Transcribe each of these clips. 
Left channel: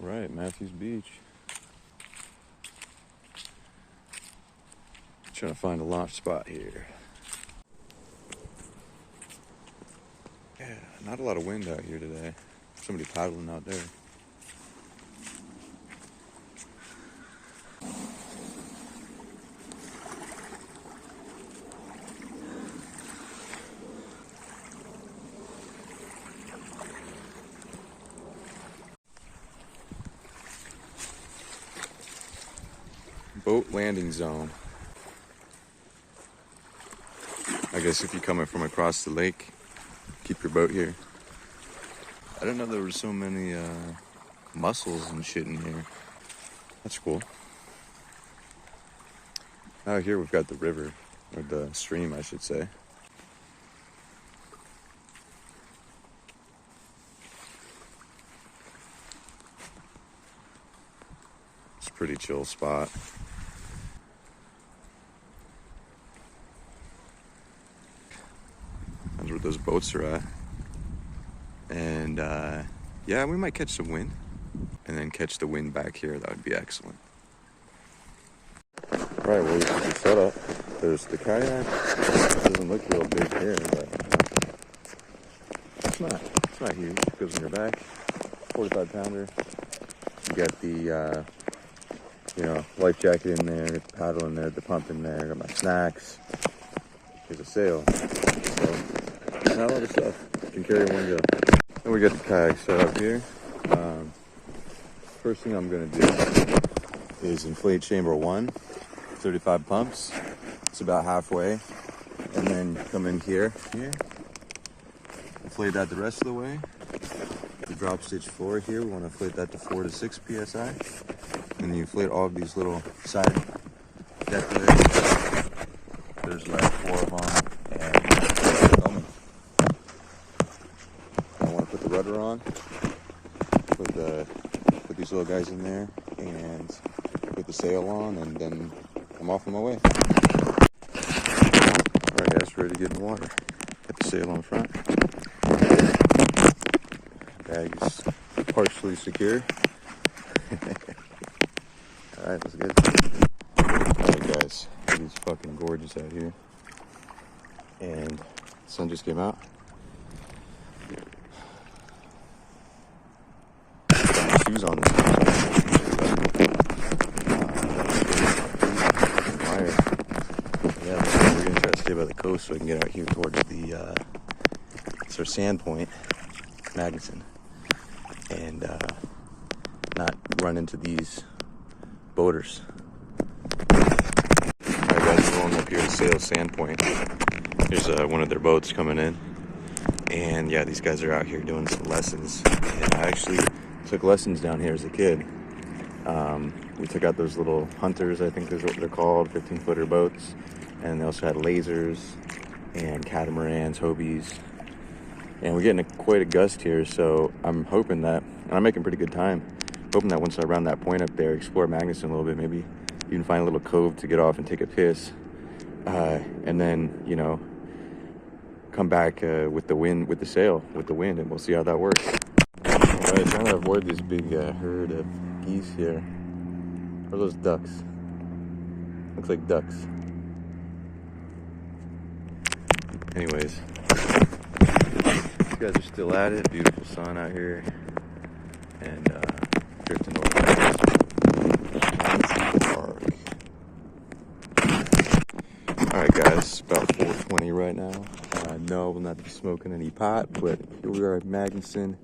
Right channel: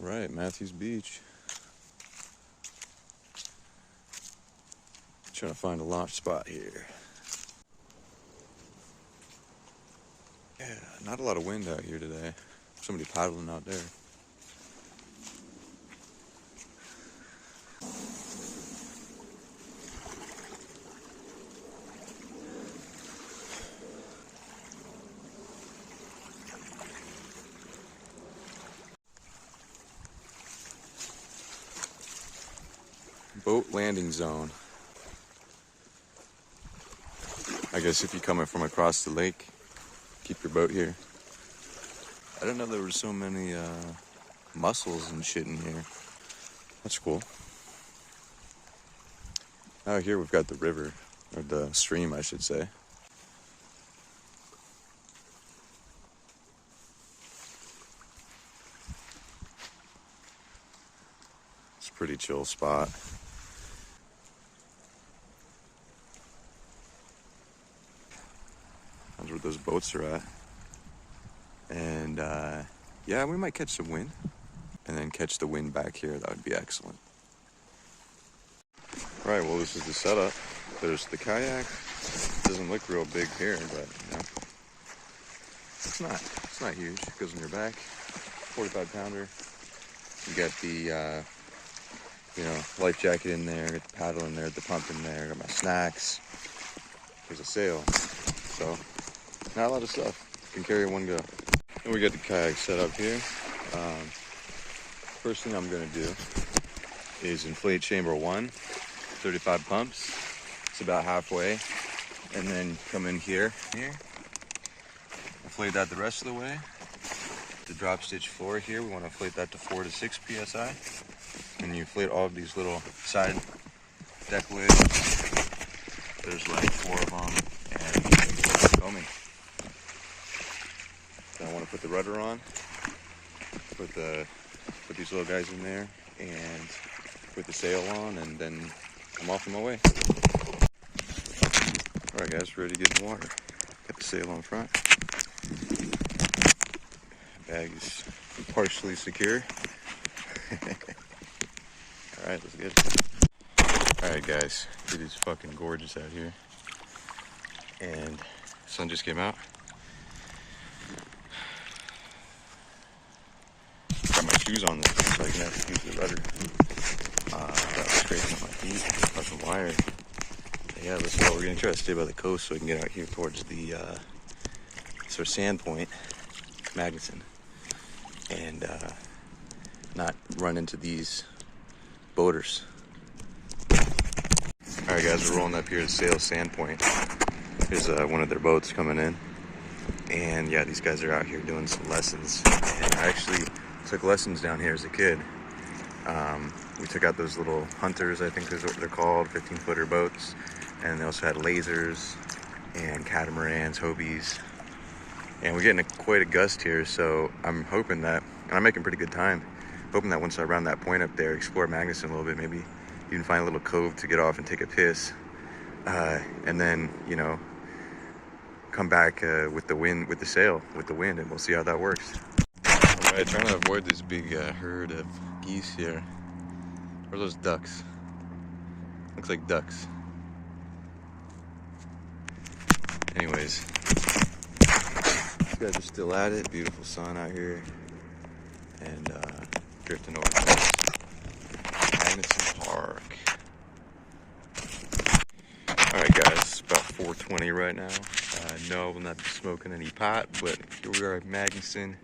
Right, Mathews Beach. Trying to find a launch spot here. Yeah, not a lot of wind out here today. Somebody paddling out there. Boat landing zone. I guess if you're coming from across the lake, keep your boat here. I didn't know there were so many mussels and shit in here. That's cool. Out here we've got the river, or the stream I should say. It's a pretty chill spot. That's where those boats are at. And yeah, we might catch some wind and then catch the wind back here. That would be excellent. Right, well, this is the setup. There's the kayak. Doesn't look real big here, but it's not huge. It goes in your back. 45 pounder. You got the life jacket in there, got the paddle in there, the pump in there, got my snacks. There's a sail. So not a lot of stuff. Can carry one go. And we got the kayak set up here. First thing I'm gonna do is inflate chamber 1, 35 pumps. It's about halfway. And then come in here. Inflate that the rest of the way. The drop stitch floor here, we want to inflate that to 4 to 6 psi. And you inflate all of these little side deck lids. There's like 4 of them. And I want to put the rudder on. Put these little guys in there and put the sail on, and then I'm off on my way. All right, guys, ready to get in the water. Got the sail on front. Bag is partially secure. All right, let's get it. All right, guys, it is fucking gorgeous out here, and the sun just came out. Got my shoes on. Wire. Yeah, we're gonna try to stay by the coast so we can get out here towards the sand point, Magnusen, and not run into these boaters. All right, guys, we're rolling up here to Sail Sand Point. There's one of their boats coming in, and yeah, these guys are out here doing some lessons. And I actually took lessons down here as a kid. We took out those little hunters, I think is what they're called, 15-footer boats, and they also had lasers and catamarans, Hobies. And we're getting quite a gust here, so I'm hoping that, and I'm making pretty good time, hoping that once I round that point up there, explore Magnusen a little bit, maybe you can find a little cove to get off and take a piss, and then, come back with the wind, with the sail, with the wind, and we'll see how that works. All right, trying to avoid this big herd of geese here. Or those ducks. Looks like ducks. Anyways, you guys are still at it. Beautiful sun out here, and drifting over to Park. All right, guys, about 4:20 right now. No, I will not be smoking any pot, but here we are at Magnusen.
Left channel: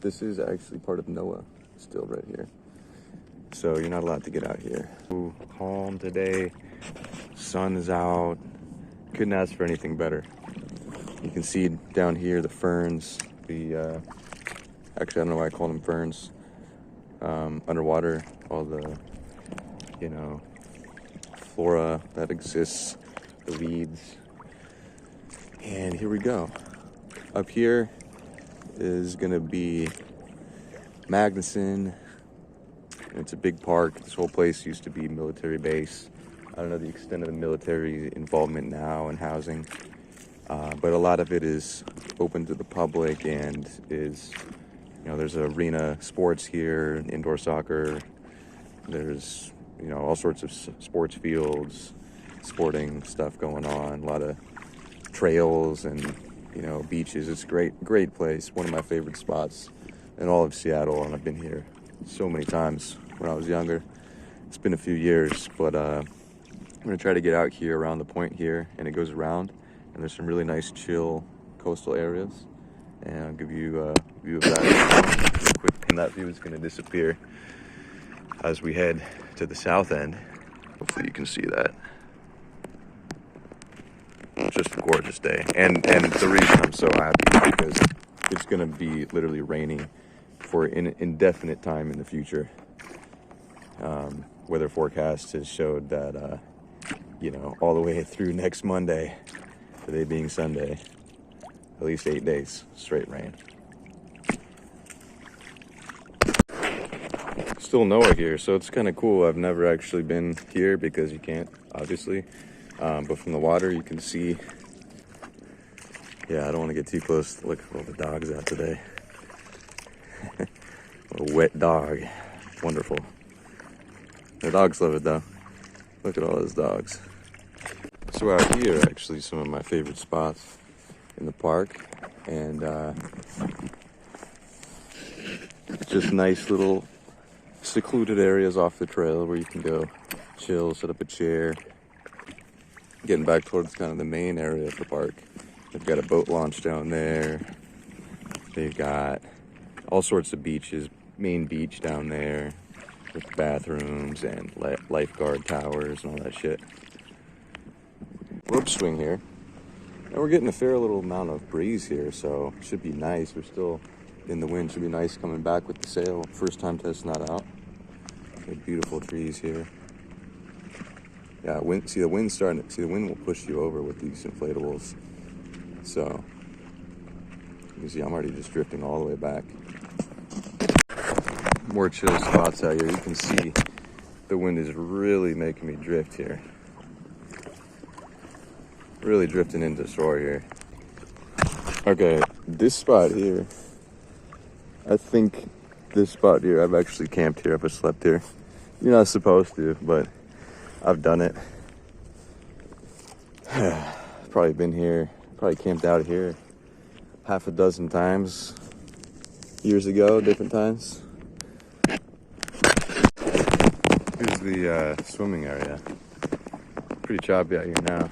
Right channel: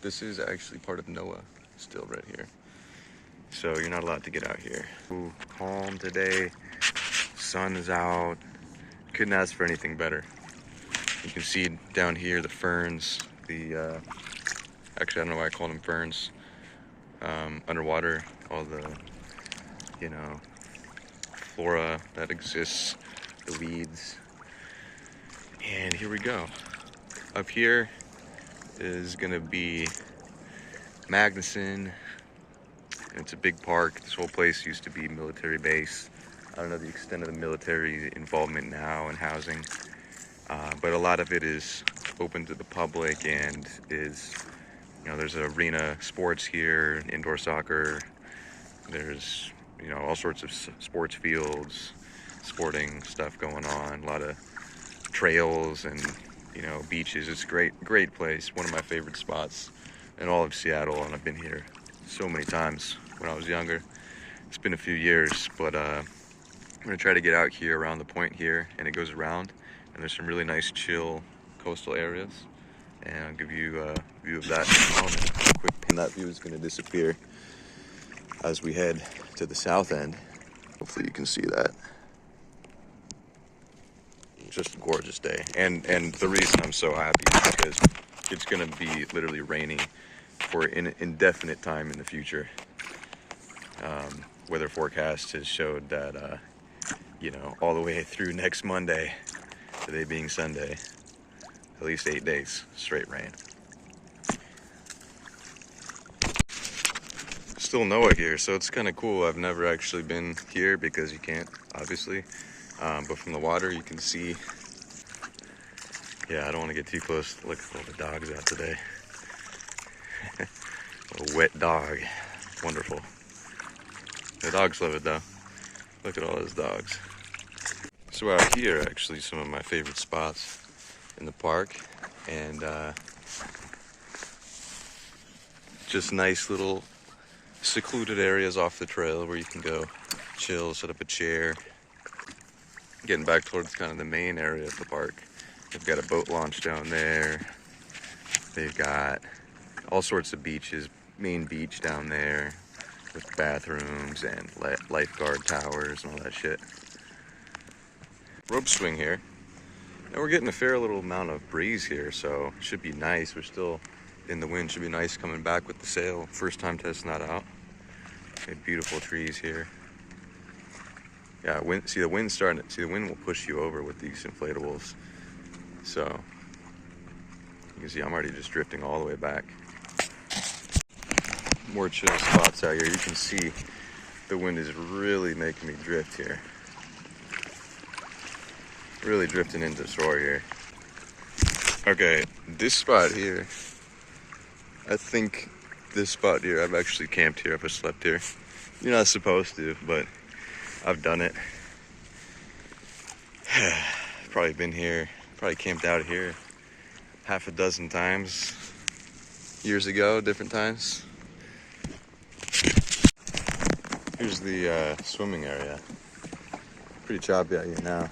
This is actually part of NOAA, still right here. So you're not allowed to get out here. Ooh, calm today. Sun is out. Couldn't ask for anything better. You can see down here the ferns. Actually, I don't know why I call them ferns. Underwater, all the, flora that exists, the weeds. And here we go. Up here is gonna be Magnusen. It's a big park. This whole place used to be military base. I don't know the extent of the military involvement now and housing, but a lot of it is open to the public and is You know, there's arena sports here, indoor soccer. There's, you know, all sorts of sports fields, sporting stuff going on. A lot of trails and, you know, beaches. It's a great place. One of my favorite spots in all of Seattle, and I've been here so many times when I was younger. It's been a few years, but I'm gonna try to get out here around the point here, and it goes around, and there's some really nice chill coastal areas, and I'll give you a view of that. Quick, and that view is gonna disappear as we head to the south end. Hopefully you can see that. It's just a gorgeous day, and the reason I'm so happy is because it's gonna be literally raining for an indefinite time in the future. Weather forecast has showed that you know, all the way through next Monday, today being Sunday, at least 8 days straight rain. Still Noah here, so it's kind of cool. I've never actually been here because you can't, obviously, but from the water you can see. Yeah, I don't want to get too close. Look at all the dogs out today. A wet dog, wonderful. The dogs love it though. Look at all those dogs. So out here, actually, some of my favorite spots in the park, and just nice little secluded areas off the trail where you can go chill, set up a chair. Getting back towards kind of the main area of the park, they've got a boat launch down there. They've got all sorts of beaches, main beach down there with bathrooms and lifeguard towers and all that shit. Rope swing here, and we're getting a fair little amount of breeze here, so it should be nice. We're still in the wind, should be nice coming back with the sail. First time testing that out. Okay, beautiful trees here. Yeah, see the wind starting. See, the wind will push you over with these inflatables. So you can see I'm already just drifting all the way back. More chill spots out here. You can see the wind is really making me drift here. Really drifting into shore here. Okay, this spot here, I think this spot here, I've actually camped here, I've slept here. You're not supposed to, but I've done it. Probably been here, probably camped out here half a dozen times years ago, different times. Here's the swimming area. Pretty choppy out here now.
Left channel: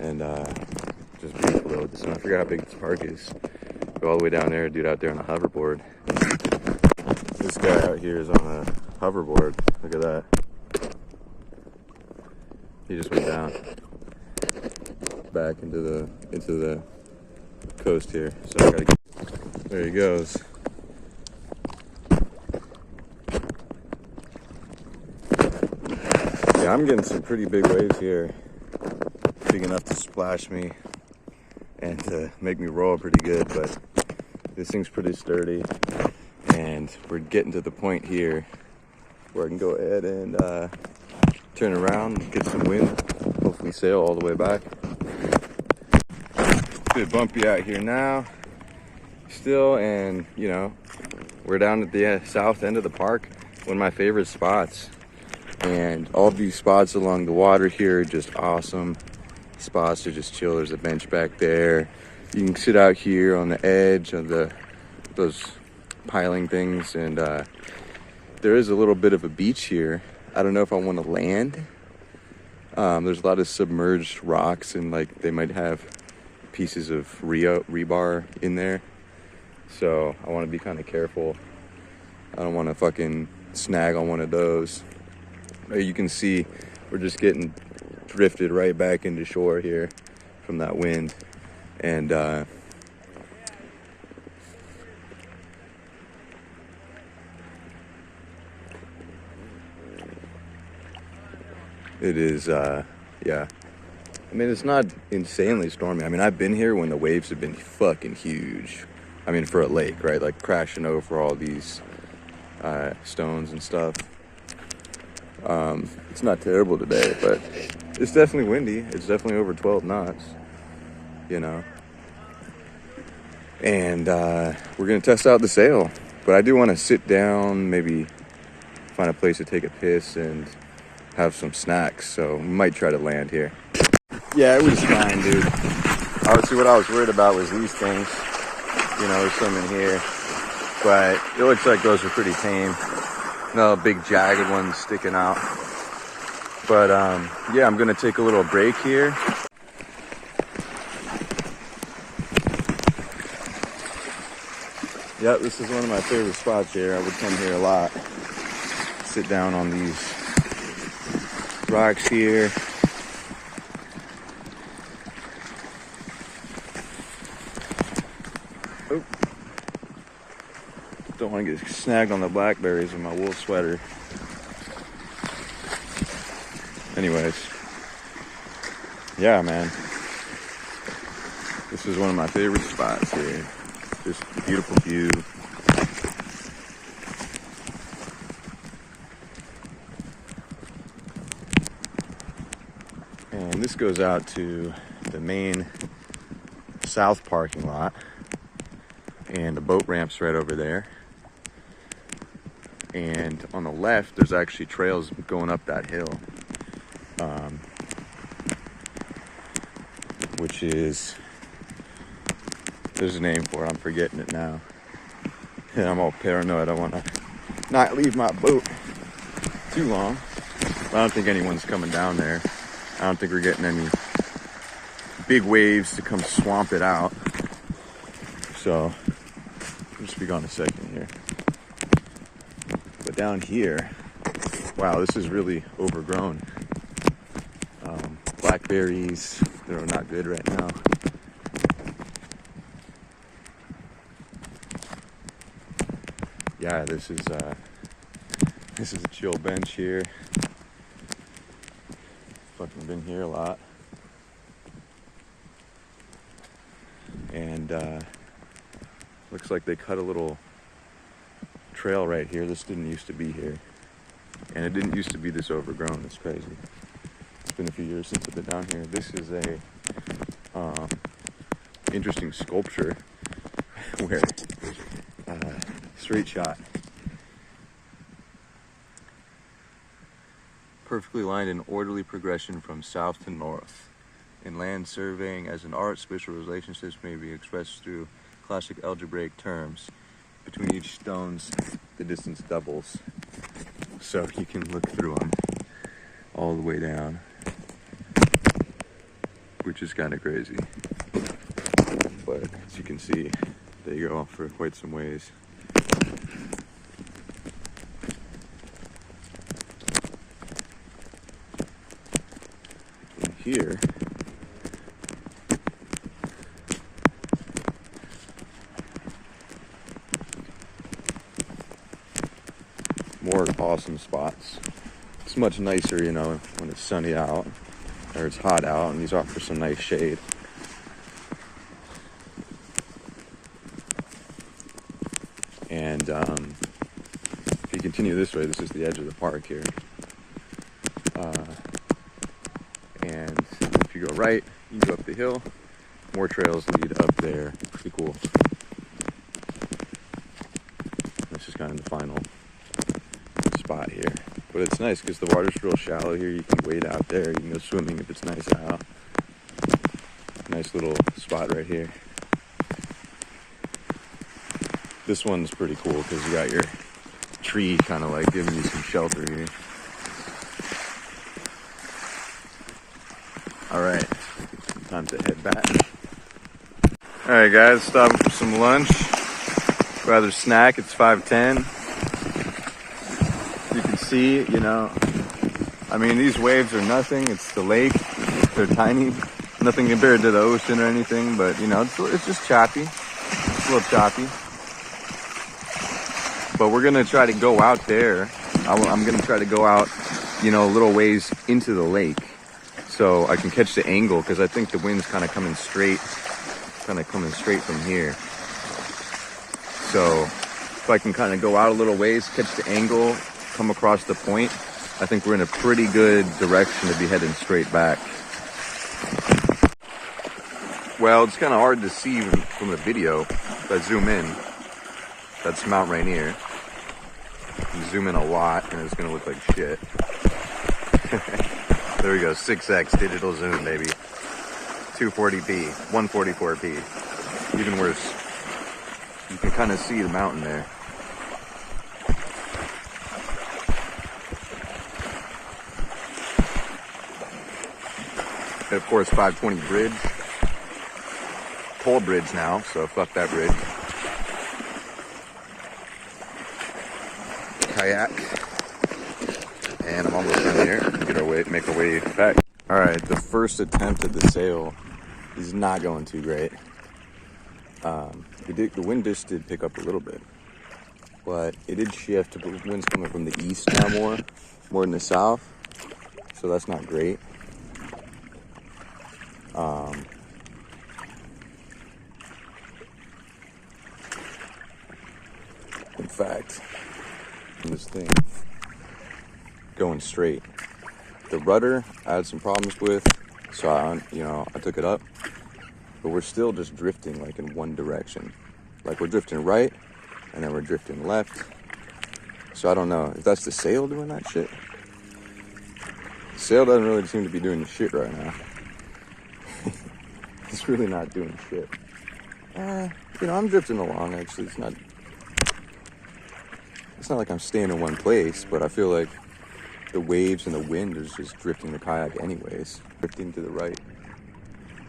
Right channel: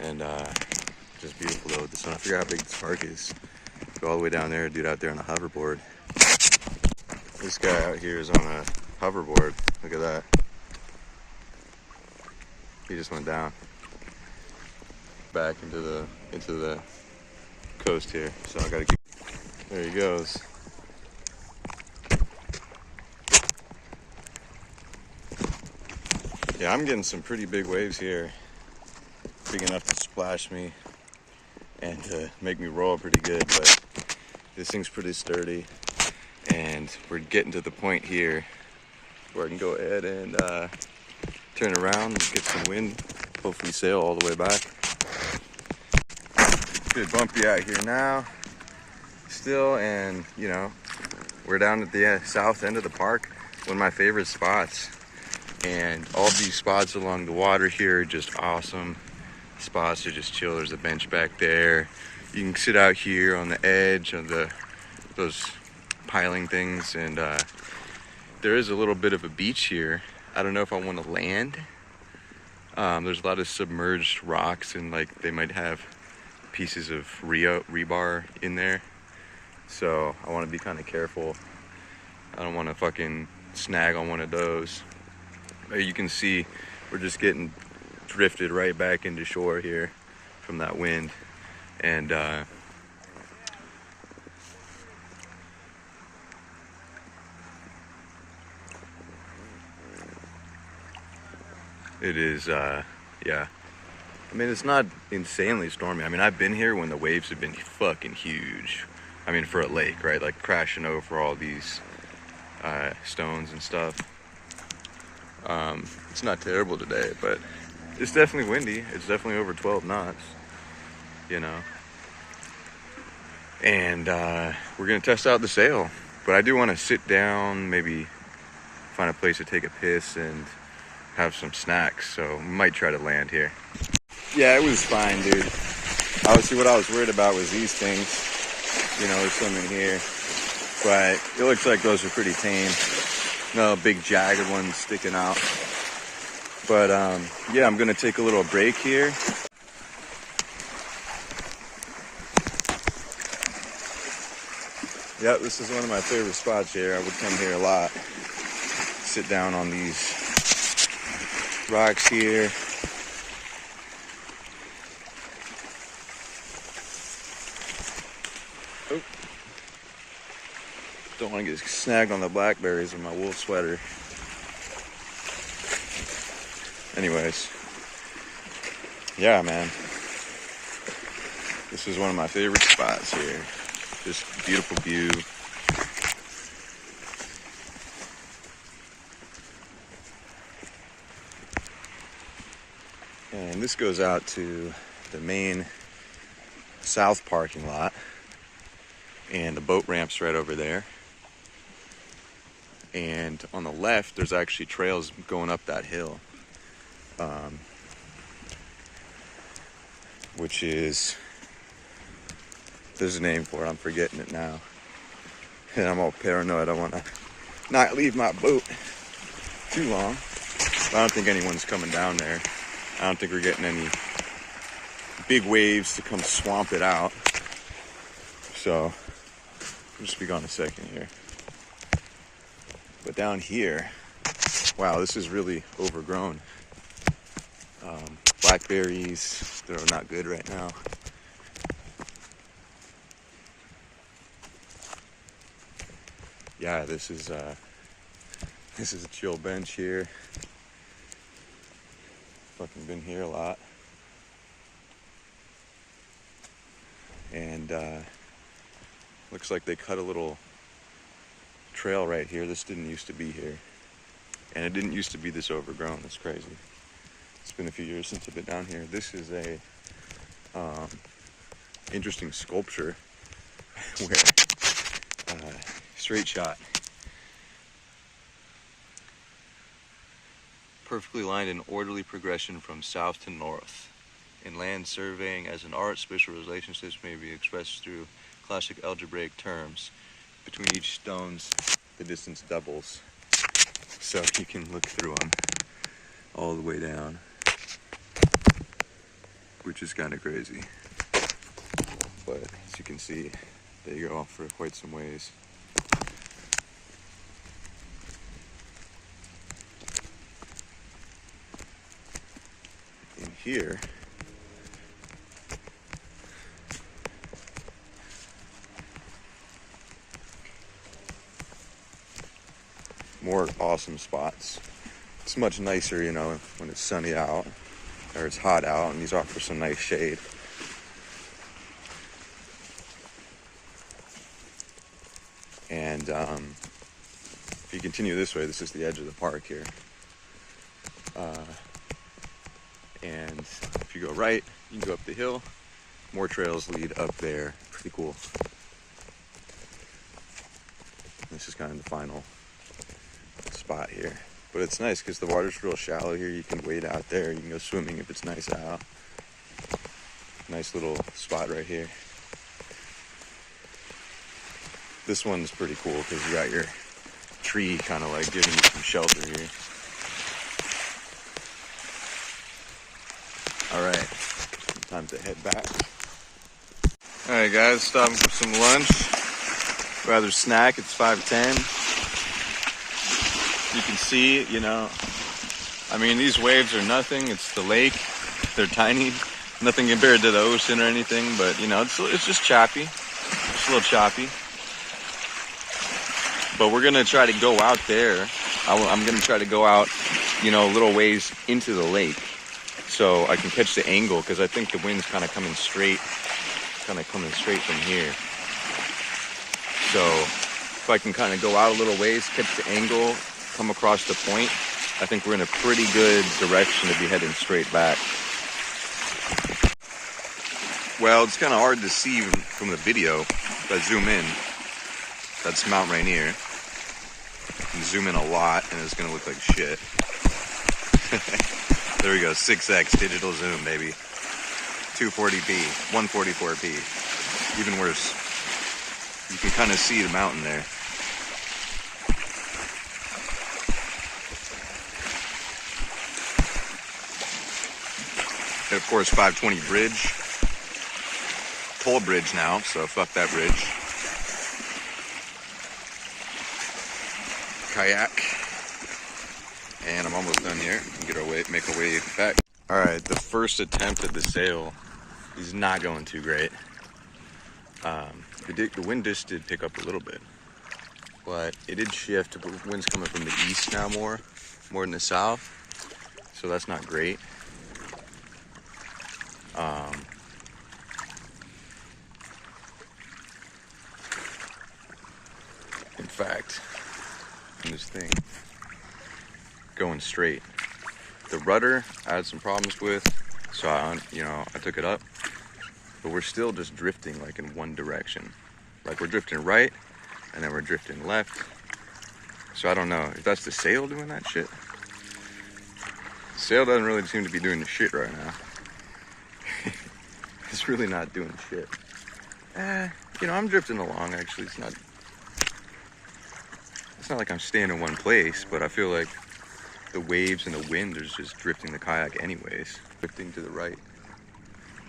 And just beautiful though. This one, I forgot how big this park is. Go all the way down there, dude out there on a hoverboard. This guy out here is on a hoverboard. Look at that. He just went down. Back into the coast here. So I gotta keep. There he goes. Yeah, I'm getting some pretty big waves here. Big enough to splash me and to make me roll pretty good, but this thing's pretty sturdy, and we're getting to the point here where I can go ahead and turn around and get some wind, hopefully sail all the way back. It's a bit bumpy out here now still, and you know, we're down at the south end of the park, one of my favorite spots, and all these spots along the water here are just awesome spots to just chill. There's a bench back there. You can sit out here on the edge of those piling things, and there is a little bit of a beach here. I don't know if I want to land. There's a lot of submerged rocks, and like they might have pieces of rebar in there, so I want to be kind of careful. I don't want to fucking snag on one of those. But you can see we're just getting drifted right back into shore here from that wind, and it is yeah, I mean, it's not insanely stormy. I mean, I've been here when the waves have been fucking huge. I mean, for a lake, right? Like crashing over all these stones and stuff. It's not terrible today, but it's definitely windy. It's definitely over 12 knots, you know. And we're gonna test out the sail. But I do want to sit down, maybe find a place to take a piss and have some snacks. So we might try to land here. Yeah, it was fine, dude. Obviously, what I was worried about was these things. You know, they're swimming here. But it looks like those are pretty tame. No big jagged ones sticking out. But yeah, I'm gonna take a little break here. Yep, this is one of my favorite spots here. I would come here a lot. Sit down on these rocks here. Oh. Don't want to get snagged on the blackberries in my wool sweater. Anyways. Yeah, man. This is one of my favorite spots here. Just beautiful view. And this goes out to the main south parking lot. And the boat ramp's right over there. And on the left, there's actually trails going up that hill. Which is, there's a name for it, I'm forgetting it now. And I'm all paranoid, I want to not leave my boat too long. But I don't think anyone's coming down there. I don't think we're getting any big waves to come swamp it out. So, I'll just be gone a second here. But down here, wow, this is really overgrown. Blackberries, they're not good right now. Yeah, this is a chill bench here. Fucking been here a lot. And looks like they cut a little trail right here. This didn't used to be here. And it didn't used to be this overgrown. It's crazy. It's been a few years since I've been down here. This is a interesting sculpture where straight shot. Perfectly lined in orderly progression from south to north. In land surveying as an art, spatial relationships may be expressed through classic algebraic terms. Between each stones, the distance doubles. So you can look through them all the way down, which is kind of crazy. But as you can see, they go for quite some ways. And here, more awesome spots. It's much nicer, you know, when it's sunny out or it's hot out, and these offer some nice shade. And if you continue this way, this is the edge of the park here. And if you go right, you can go up the hill. More trails lead up there. Pretty cool. This is kind of the final spot here. But it's nice because the water's real shallow here. You can wade out there. You can go swimming if it's nice out. Nice little spot right here. This one's pretty cool because you got your tree kind of like giving you some shelter here. Alright, time to head back. Alright guys, stopping for some lunch. Rather snack, it's 5:10. You can see, you know, I mean, these waves are nothing. It's the lake. They're tiny. Nothing compared to the ocean or anything, but, you know, it's just choppy. It's a little choppy. But we're going to try to go out there. I'm going to try to go out, you know, a little ways into the lake so I can catch the angle, because I think the wind's kind of coming straight from here. So if I can kind of go out a little ways, catch the angle, come across the point, I think we're in a pretty good direction to be heading straight back. Well, it's kind of hard to see even from the video. If I zoom in, that's Mount Rainier. You zoom in a lot and it's gonna look like shit. There we go, 6x digital zoom, baby. 240p, 144p, even worse. You can kind of see the mountain there. And of course, 520 bridge. Toll bridge now, so fuck that bridge. Kayak. And I'm almost done here. Make our way back. All right, the first attempt at the sail is not going too great. The wind just did pick up a little bit, but it did shift. The wind's coming from the east now more than the south, so that's not great. In fact, this thing going straight. The rudder I had some problems with, so I took it up, but we're still just drifting like in one direction. Like we're drifting right, and then we're drifting left. So I don't know if that's the sail doing that shit. The sail doesn't really seem to be doing the shit right now. It's really not doing shit. I'm drifting along actually. It's not like I'm staying in one place, but I feel like the waves and the wind is just drifting the kayak anyways. Drifting to the right.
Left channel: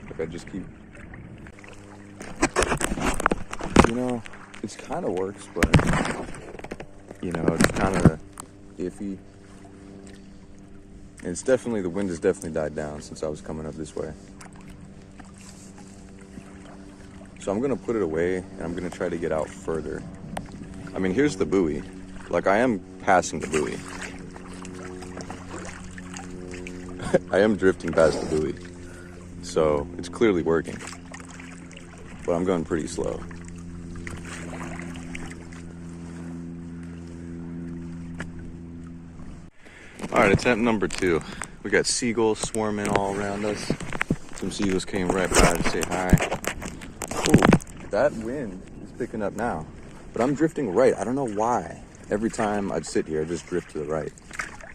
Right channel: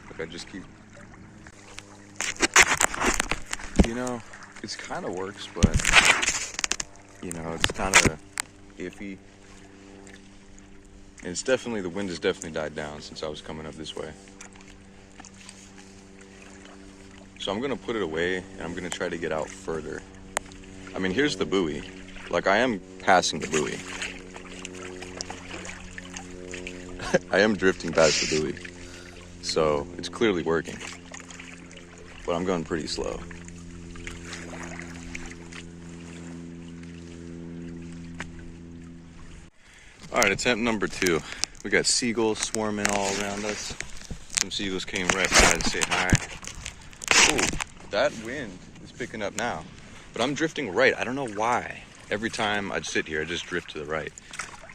Like I just keep, it's kind of works, but it's kind of iffy. And the wind has definitely died down since I was coming up this way. So I'm gonna put it away and I'm gonna try to get out further. I mean, here's the buoy. Like I am passing the buoy. I am drifting past the buoy. So it's clearly working. But I'm going pretty slow. All right, attempt number 2. We got seagulls swarming all around us. Some seagulls came right by to say hi. Ooh, that wind is picking up now. But I'm drifting right. I don't know why. Every time I'd sit here, I just drift to the right.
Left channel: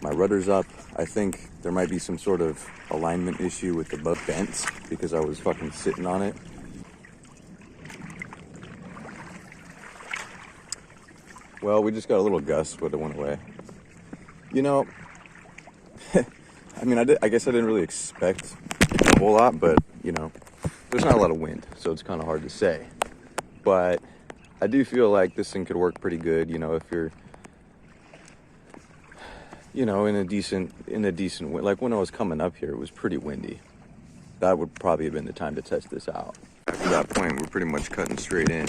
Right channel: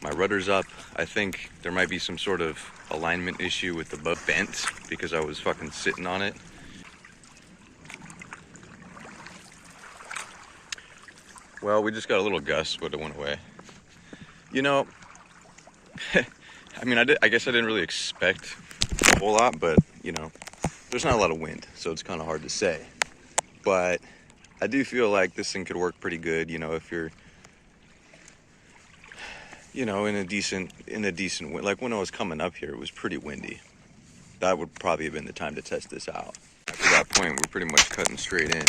My rudder's up. I think there might be some sort of alignment issue with the boat bent because I was fucking sitting on it. Well, we just got a little gust, but it went away. I mean, I guess I didn't really expect a whole lot, but, there's not a lot of wind, so it's kind of hard to say. But I do feel like this thing could work pretty good, if you're, in a decent wind. Like when I was coming up here, it was pretty windy. That would probably have been the time to test this out. After that point, we're pretty much cutting straight in,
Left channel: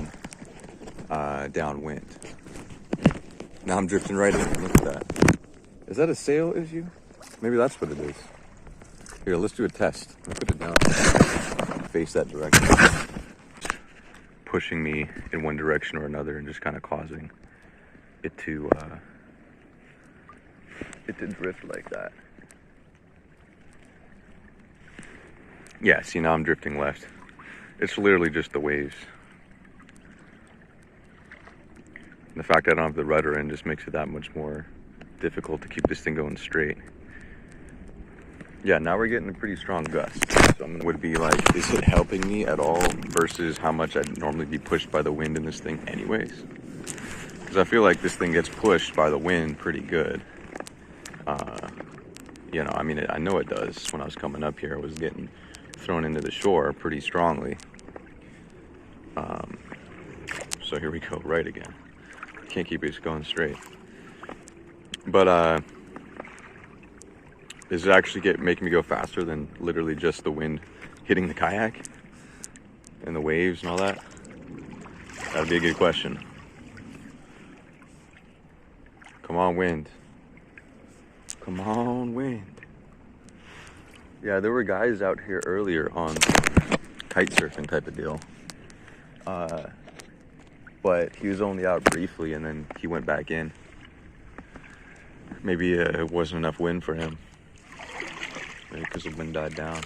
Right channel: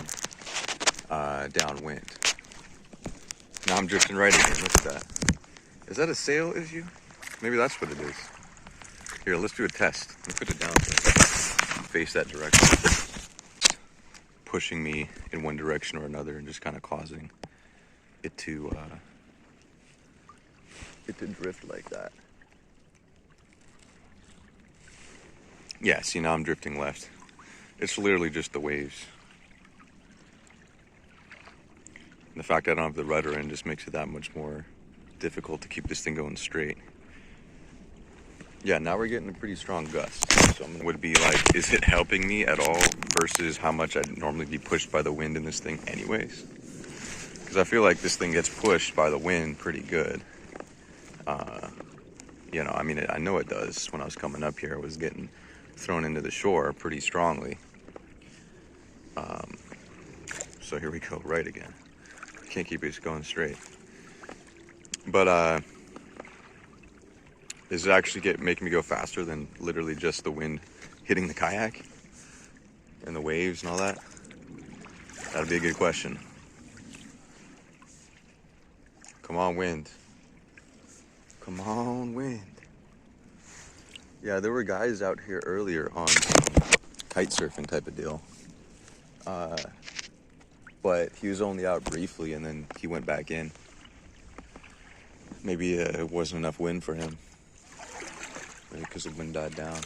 downwind. Now I'm drifting right again. Look at that. Is that a sail issue? Maybe that's what it is. Here, let's do a test. Let me put it down. Face that direction. Pushing me in one direction or another and just kind of causing it to drift like that. Yeah, see, now I'm drifting left. It's literally just the waves. The fact that I don't have the rudder in just makes it that much more difficult to keep this thing going straight. Yeah, now we're getting a pretty strong gust. So would be like, is it helping me at all versus how much I'd normally be pushed by the wind in this thing anyways? Because I feel like this thing gets pushed by the wind pretty good. I mean, I know it does. When I was coming up here, I was getting thrown into the shore pretty strongly. So here we go, right again. Can't keep it going straight. But is it actually making me go faster than literally just the wind hitting the kayak and the waves and all that? That'd be a good question. Come on, wind. Come on, wind. Yeah, there were guys out here earlier on kite surfing type of deal. But he was only out briefly and then he went back in. Maybe it wasn't enough wind for him. Maybe because the wind died down.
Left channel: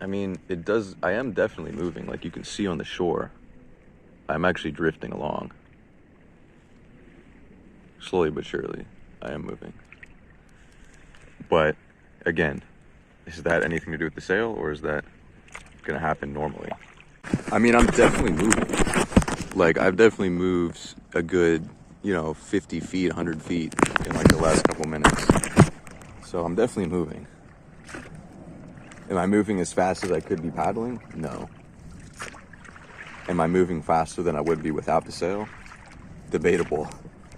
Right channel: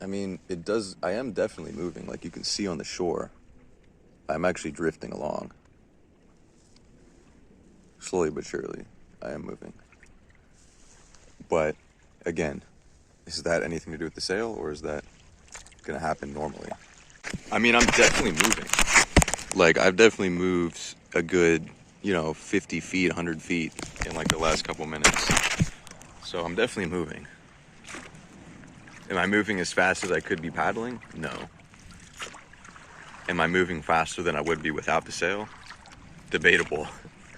I mean, it does, I am definitely moving. Like you can see on the shore, I'm actually drifting along. Slowly but surely, I am moving. But, again, is that anything to do with the sail, or is that gonna happen normally? I mean, I'm definitely moving. Like, I've definitely moved a good, 50 feet, 100 feet in like the last couple minutes. So I'm definitely moving. Am I moving as fast as I could be paddling? No. Am I moving faster than I would be without the sail? Debatable.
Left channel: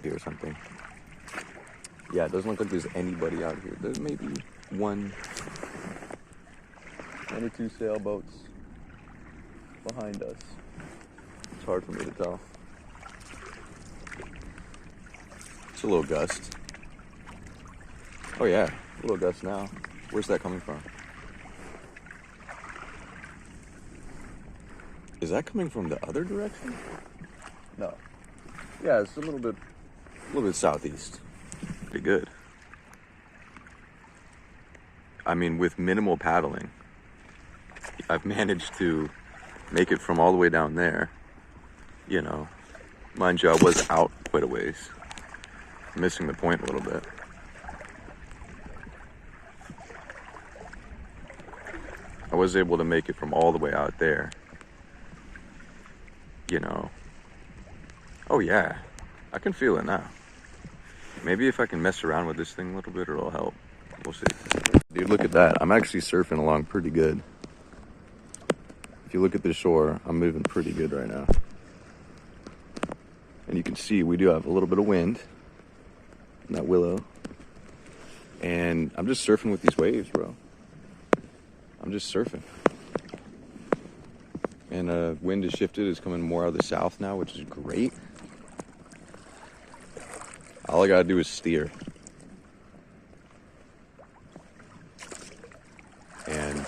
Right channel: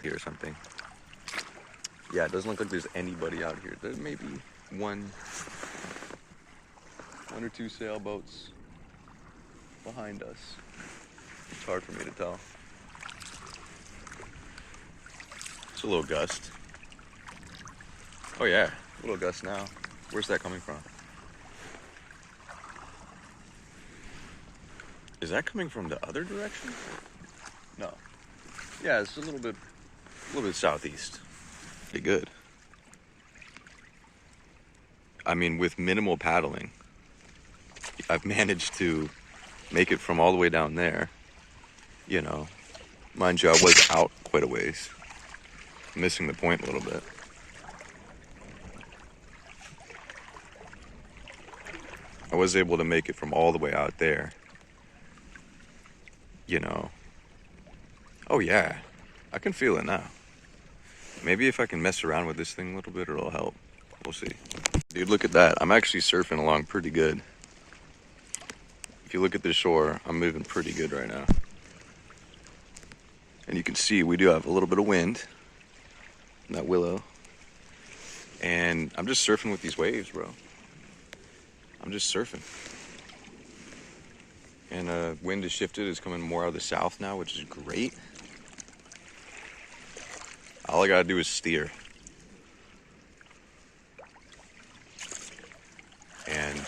Here or something. Yeah, it doesn't look like there's anybody out here. There's maybe one or two sailboats behind us. It's hard for me to tell. It's a little gust. Oh yeah, a little gust now. Where's that coming from? Is that coming from the other direction? No. Yeah, it's a little bit southeast. Pretty good. I mean, with minimal paddling, I've managed to make it from all the way down there. Mind you, I was out quite a ways. Missing the point a little bit. I was able to make it from all the way out there. Oh yeah, I can feel it now. Maybe if I can mess around with this thing a little bit, it'll help. We'll see. Dude, look at that. I'm actually surfing along pretty good. If you look at the shore, I'm moving pretty good right now. And you can see we do have a little bit of wind in that willow. And I'm just surfing with these waves, bro. I'm just surfing. And wind has shifted. It's coming more out of the south now, which is great. All I gotta do is steer. And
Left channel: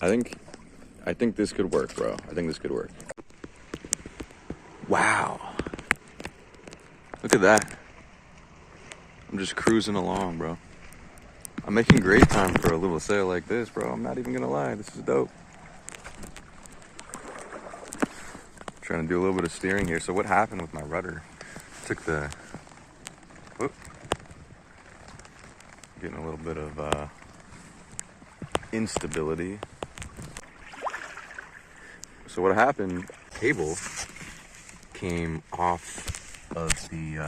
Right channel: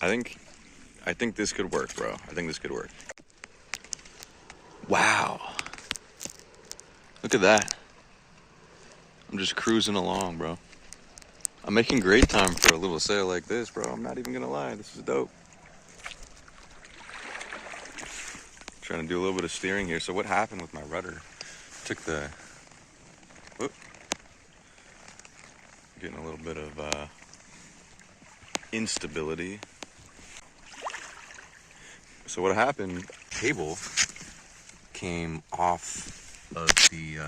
I think this could work, bro. I think this could work. Wow. Look at that. I'm just cruising along, bro. I'm making great time for a little sail like this, bro. I'm not even gonna lie. This is dope. Trying to do a little bit of steering here. So what happened with my rudder? Took the... Whoop. Getting a little bit of instability. So what happened, cable came off of the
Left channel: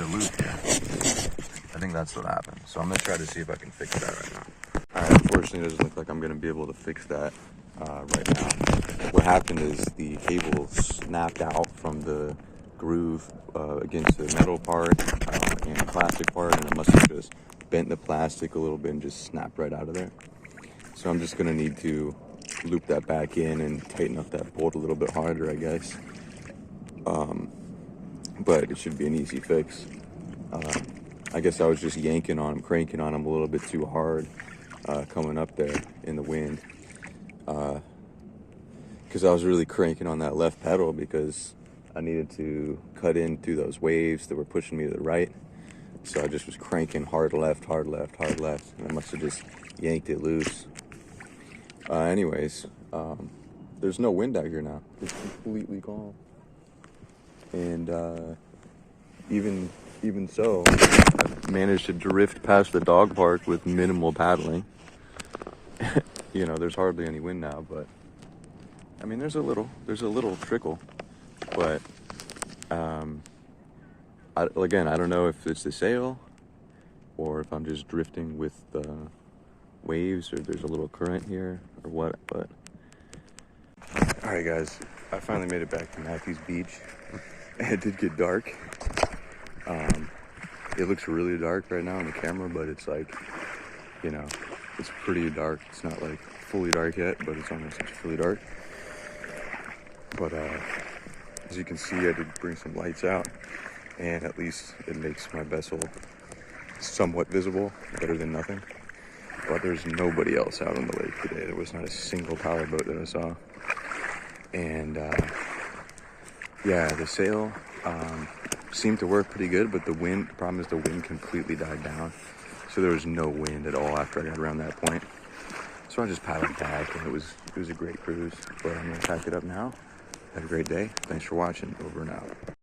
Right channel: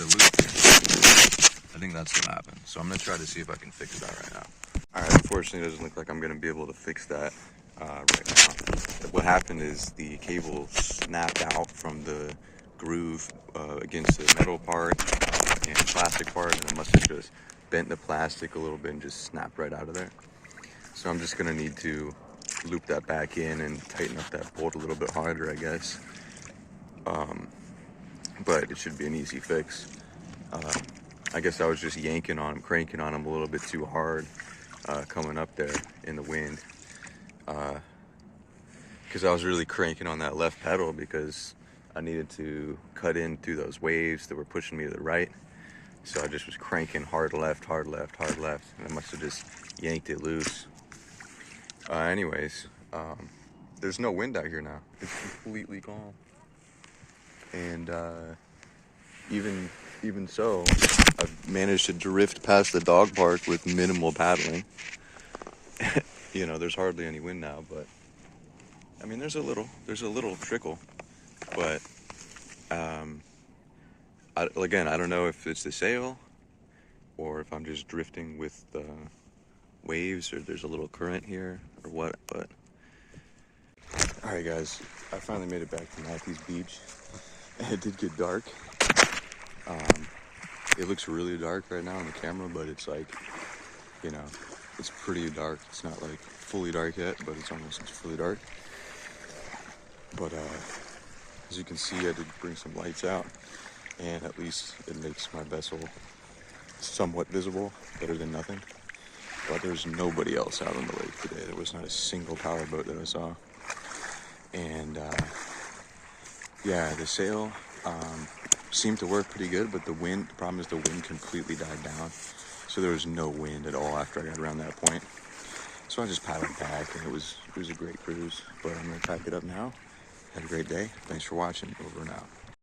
loop. I think that's what happened. So I'm gonna try to see if I can fix that right now. All right, unfortunately, it doesn't look like I'm gonna be able to fix that right now. What happened is the cable snapped out from the groove against the metal part and the plastic part, and it must have just bent the plastic a little bit and just snapped right out of there. So I'm just gonna need to loop that back in and tighten up that bolt a little bit harder, I guess. But it should be an easy fix. I guess I was just yanking on him, cranking on him a little bit too hard coming up there in the wind. Because I was really cranking on that left pedal because I needed to cut in through those waves that were pushing me to the right. So I just was cranking hard left, hard left, hard left, and I must have just yanked it loose. Anyways, there's no wind out here now. It's completely calm. And even so, I've managed to drift past the dog park with minimal paddling. There's hardly any wind now, but I mean, there's a little trickle, but I don't know if it's the sail or if I'm just drifting with the waves, or there's a little current here or what. But all right, guys, I finally made it back to Mathews Beach. It did get dark. It looks really dark right now on the camera, but it's like, it's pretty dark. It's not like fully dark yet, but it's almost fully dark. But as you can see, I did bring some lights out, and at least it makes my vessel somewhat visible, better than nothing. But there's nobody else out on the lake today. There was not a single power boat that I saw. And yeah, the sail seemed to work pretty good, but the problem is the wind completely died down. So so there was no wind at all after I got around that point. So I just paddled back, and it was a great cruise. But I'm gonna pack it up now. Have a great day. Thanks for watching. Over and out.